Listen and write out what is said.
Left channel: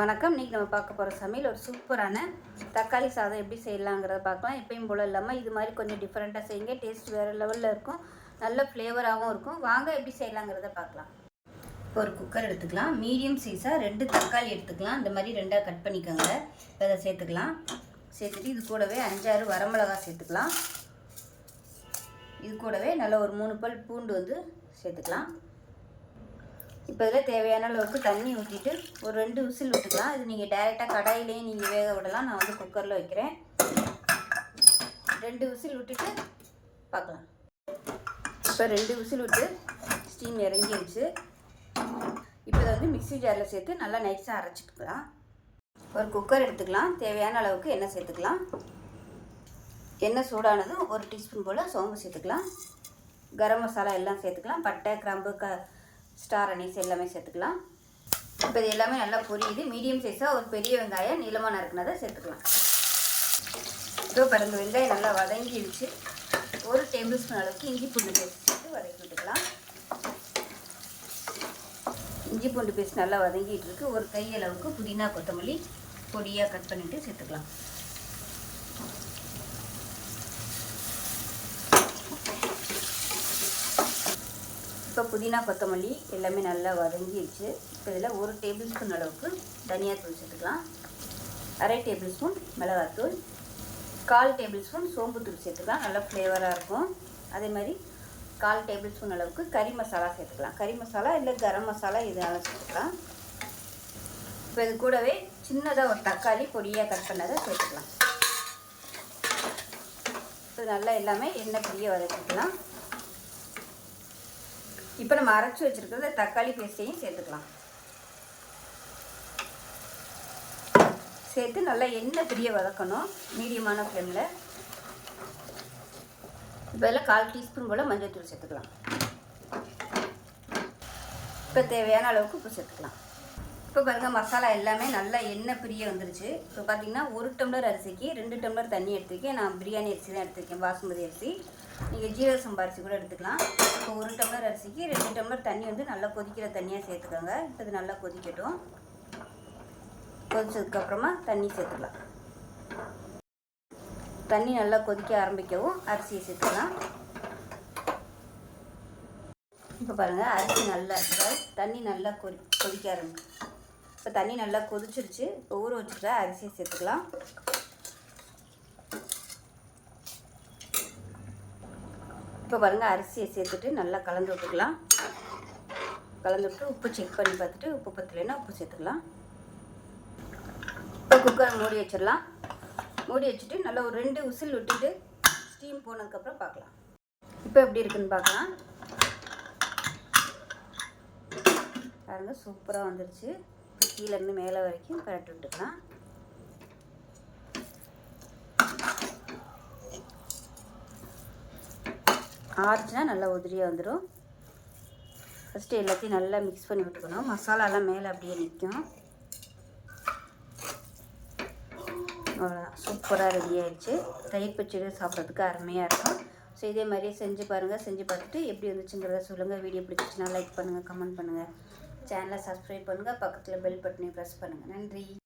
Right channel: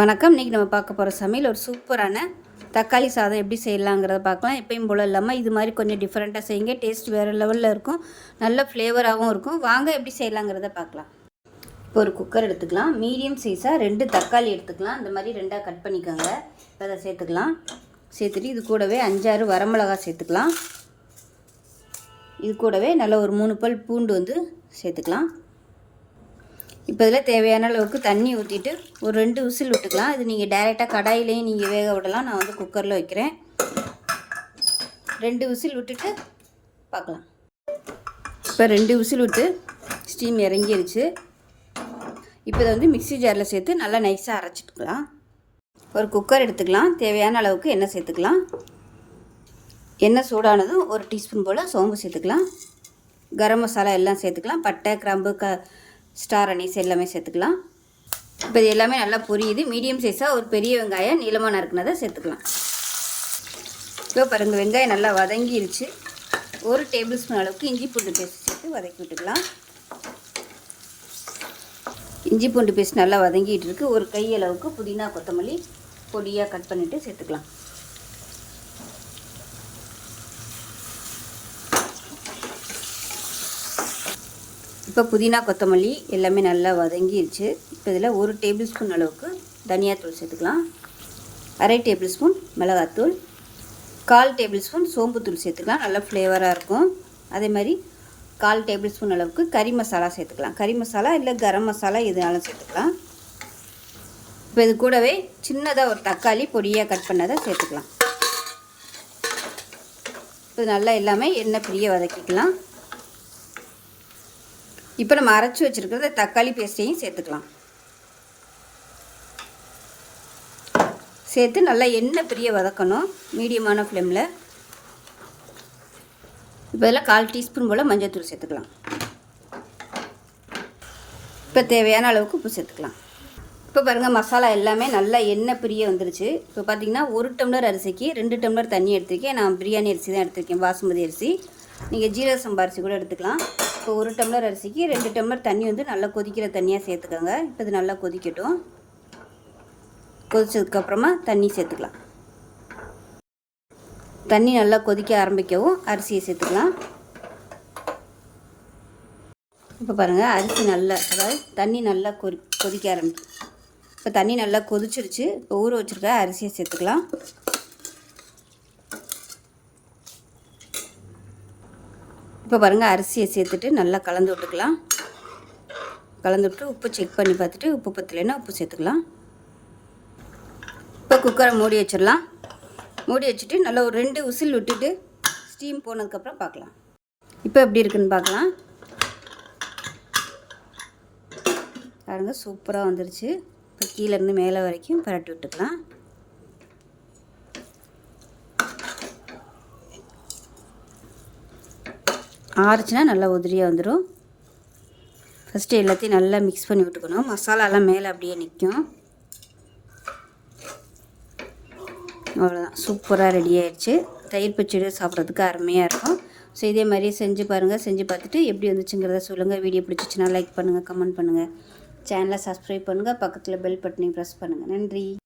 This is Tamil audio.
வணக்கம். இன்றைக்கி நம்ம பார்க்க போகிற சமையல் ஒரு சூப்பரான தக்காளி சாதம் எப்படி செய்யலாங்கிறத பார்க்கலாம். எப்பயும் போல் இல்லாமல் இது மாதிரி கொஞ்சம் டிஃப்ரெண்ட்டாக செய்யுங்க. டேஸ்ட் வேறு லெவலில் இருக்கும், நல்ல ஃப்ளேவராகவும் இருக்கும். வாங்க எப்படி செய்யலாங்கிறத பார்க்கலாம். இப்போ ஒரு குக்கர் எடுத்துக்கலாம். மீடியம் சைஸாக 2 தக்காளி எடுத்துக்கலாம். இந்த மாதிரி 2ஆக கட் பண்ணிக்கோங்க. இப்போ அதை சேர்த்துக்கலாம். சேர்த்துட்டு இது கூடவே 5-6 வரமிளகா சேர்த்துக்கலாம். இது கூடவே நல்ல ஒரு 3 பல் பூண்டு சேர்த்துக்கலாம். இப்போ இதில் தேவையான அளவுக்கு தண்ணி ஊற்றிட்டு ஒரு 2 விசில் விட்டுக்கலாம். இது நீங்கள் டைரெக்டாக கடாயிலையும் நீங்கள் வேக விடலாம். நான் குக்கரில் வைக்கிறேன். 2 விசில் விட்டுட்டு பார்க்கலாம். இப்போ 2 விசில் விட்டு ஸ்டீம் இறங்கிடுச்சு. இப்போ இதை மிக்ஸி ஜாரில் சேர்த்து நல்லா நைஸாக அரைச்சிட்டுக்கலாம். ஒரு குக்கர் எடுத்துக்கலாம். தேவையான அளவுக்கு எண்ணெய் சேர்த்துக்கலாம். எண்ணெய் சூடானதும் 1 டீஸ்பூன் போல் சோம்பு சேர்த்துக்கலாம். கரம் மசாலா எல்லாம் சேர்த்துக்கலாம். பட்டை, கிராம்பு, ஸ்டார் அனீஸ் எல்லாமே சேர்த்துக்கலாம். இப்போ இது எல்லாமே நல்லா பொரியுது. மீடியம் சைஸாக ஒரு பெரிய வெங்காயம் நீளமாக நறுக்குனதை சேர்த்துக்கலாம். இப்போ பாருங்கள், வெங்காயம் நல்லா வதங்கிருச்சு. 1 டேபிள் ஸ்பூன் அளவுக்கு இஞ்சி பூண்டு பேஸ்ட் சேர்த்து வதக்கி விட்டுக்கலாம். இஞ்சி பூண்டு பேஸ்ட் நல்லா வதங்கிட்டு இருக்கு. ஒரு கை அளவுக்கு புதினா, கொத்தமல்லி பொடியாக கட் பண்ணிவிட்டு சேர்த்துக்கலாம். இப்போ புதினா, கொத்தமல்லி எல்லாமே நல்லா வதங்கிடுச்சு. இப்போ இதில் 1 டேபிள் ஸ்பூன் அளவுக்கு தனியாத்தூள் சேர்த்துக்கலாம். 1/2 டேபிள் ஸ்பூன் மிளகாத்தூள், 1/4 டேபிள் ஸ்பூன் சோம்புத்தூள் சேர்த்துக்கலாம். நல்லா ஃப்ளேவராக இருக்கும். அதே மாதிரி 1/4 டேபிள் ஸ்பூன் அளவுக்கு கறி மசாலா சேர்த்துக்கலாம். கறி மசாலா இல்லை கரம் மசாலா எதுனாலும் சேர்த்துக்கலாம். இப்போ இது கூடவே சின்னதாக ஒரு தக்காளி பொடியாக கட் பண்ணதை சேர்த்துக்கலாம். இப்போ நல்லா எல்லாமே எண்ணெய் பிரிய வதக்கிக்கலாம். இப்போ நம்ம அரைச்சி வச்சுருக்கிறத தக்காளி பேஸ்ட்டையும் சேர்த்துக்கலாம். சேர்த்து நல்லா எண்ணெய் பிரிய வதக்கணும், மீடியமான ஃப்ளேமில். இப்போ இதில் 1/4 டீஸ்பூன் போல் மஞ்சள்தூள் சேர்த்துக்கலாம். இப்போ தேவையான அளவுக்கு உப்பு சேர்த்துக்கலாம். இப்போ பாருங்கள், மசாலா எல்லாமே நல்லா எண்ணெய் பிரிய வந்துருச்சு. இப்போ பார்த்திங்கன்னா 1 டம்ளர் அரிசிக்கு 2 டம்ளர் தண்ணி எடுத்துருக்கேன். நான் பிரியாணி அரிசி தான் எடுத்திருக்கேன், பாசுமதி அரிசி. நீங்கள் ஜீரக சம்பா அரிசி கூட எடுத்துக்கலாம். இப்போ 1 டம்ளர் அரிசிக்கு 2 டம்ளர் தண்ணி நல்லா கொதிக்கிற தண்ணியாக சேர்த்துக்கோங்க. இப்போ இது நல்லா கொதிக்கட்டும். கொதிச்சதுக்கப்புறமா தண்ணி சேர்த்துக்கலாம். தண்ணி நல்லா கொதிக்க ஆரம்பிக்கவும் அரிசியை சேர்த்துக்கலாம். இப்போ பாருங்கள், அரிசி நல்லா, அதாவது தண்ணி நல்லா கொதிக்க ஆரம்பிக்கும். இப்போ தண்ணி நல்லா கொதிச்சிருச்சு. இப்போ ஊற வச்சுருக்க அரிசியை சேர்த்துக்கலாம். இப்போ பாருங்கள், அரிசியை சேர்த்துட்டு நல்லா கலந்து விட்டுக்கலாம். கலந்து விட்டு உப்பு செக் பண்ணி பார்த்துட்டு உப்பு பத்தலைன்னா உப்பு சேர்த்துக்கலாம். இப்போ குக்கரை மூடி வச்சிடலாம். மூடி வச்சுட்டு நல்லா ஒரு 2 விசில் விட்டுட்டு ஸ்டீம் போனதுக்கப்புறம் பார்க்கலாம். இப்போ எப்படி இருக்குன்னு பார்க்கலாம். பாருங்கள், சூப்பராக வந்துருச்சு. இப்போ கீழேருந்து மேலே வரைக்கும் பரட்டி விட்டுக்கலாம். ஆறுச்சுன்னா நல்லா உதிரியாக வந்துடும். ஃபஸ்ட்டு எல்லாத்தையும் நல்லா மிக்ஸ் பண்ணி விட்டுக்கணும். மசாலாலாம் மேலே அப்படியே நிற்கும். அவ்வளோதான், சூப்பராக ரெடி ஆகிடுச்சு. தயிர் பச்சடி சாப்பிட்றதுக்கு அருமையாக இருக்கும். ஸோ இதே மாதிரி செஞ்சு பாருங்கள். செஞ்சு பார்த்துட்டு எப்படி வந்துச்சுங்கிறத சொல்லுங்கள். வீடியோ பிடிச்சிச்சின்னா லைக் பண்ணுங்கள், கமெண்ட் பண்ணுங்கள், சேனலை சப்ஸ்கிரைப் பண்ணுங்கள், பக்கத்தில் பெல் பட்டனையும் ப்ரெஸ் பண்ணுங்கள். நன்றி.